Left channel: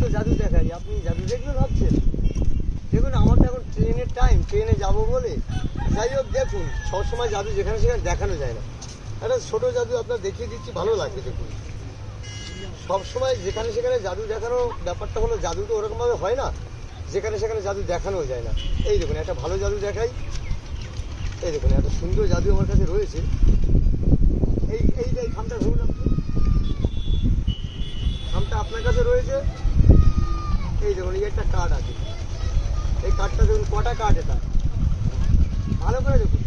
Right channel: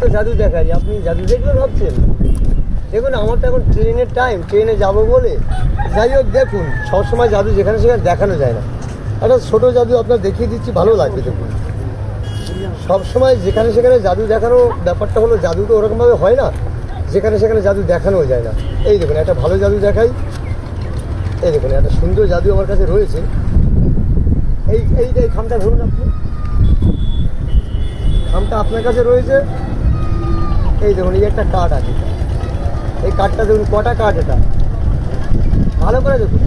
তো জাদু দেখাই, আপনি জাদু দেখবেন ভাবছেন? দেখুন আমার তো এখন ট্রেনের টাইম, ট্রেনে যাবো বলে। যাই হোক দেখুন, সবসময় জাদু যেখানে সেখানে দেখানো যায় না। একটা ছোটো জাদু আপনার দেখিয়ে দিচ্ছি, ভালো লাগবে দেখুন। সবসময় যেখানে সেখানে জাদু দেখানো ব্যাপারটা হলো, জাদু তো ওরকমভাবে হয় না, যেখানে সেখানে জাদু দেখানোও যায় না। এই দেখুন একটা ভালো জাদু দেখাই। এই দেখুন একটা সুন্দর জাদু আমার কাছে রয়েছে। এই খামটা ধরুন, আপনি খামটা আপনার কাছে রয়েছে। এই দেখুন এই একটা কার্ড আছে, এই কার্ডটা দেখুন কটা কার্ড, এটা ভালো করে দেখুন,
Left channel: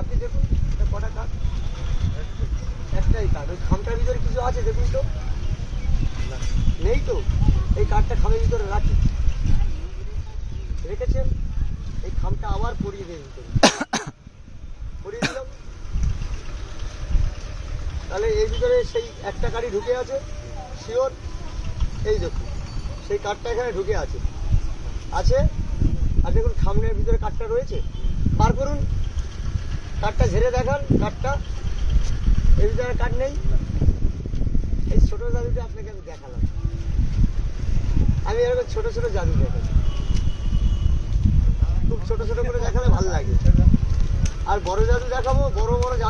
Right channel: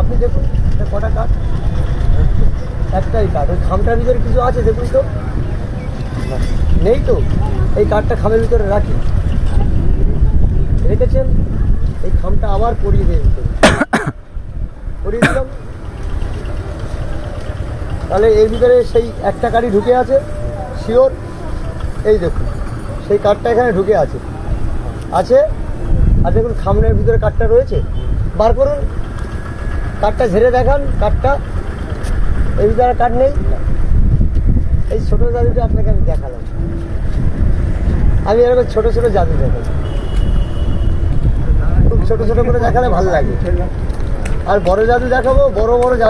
আপনি দেখুন এটা কটা কার্ড, একটাই কার্ড। ওই খামটার ভিতরে কিছু আছে দেখুন তো, নেই তো। এই কার্ডটা খামের ভিতরে রাখি, রেখেছেন। এই খামটা আবার পরিয়ে দিয়ে ভিতরে পরিয়ে দিলাম, তাহলে এর ভিতরে সেই একটা কার্ডই ঢুকে আছে শিওর। এই দেখুন সেই কার্ডটা এখানে ঢুকে আছে আছে আর দেখুন খামের ভিতরে কার্ডটা রয়েছে, বার করুন কার্ডটা, ঝেড়ে দেখান কার্ডটা। এই ভিতরে কার্ড নেই। এই ছোটো জাদুটা আপনাকে আমি দেখালাম। আমি এরকম ছোটো ছোটো জাদু দেখাই, খুব ছোটো ছোটো করে দেখালে ভালো লাগে। আর বড় জাদু দেখাবো, বড় বড় জাদু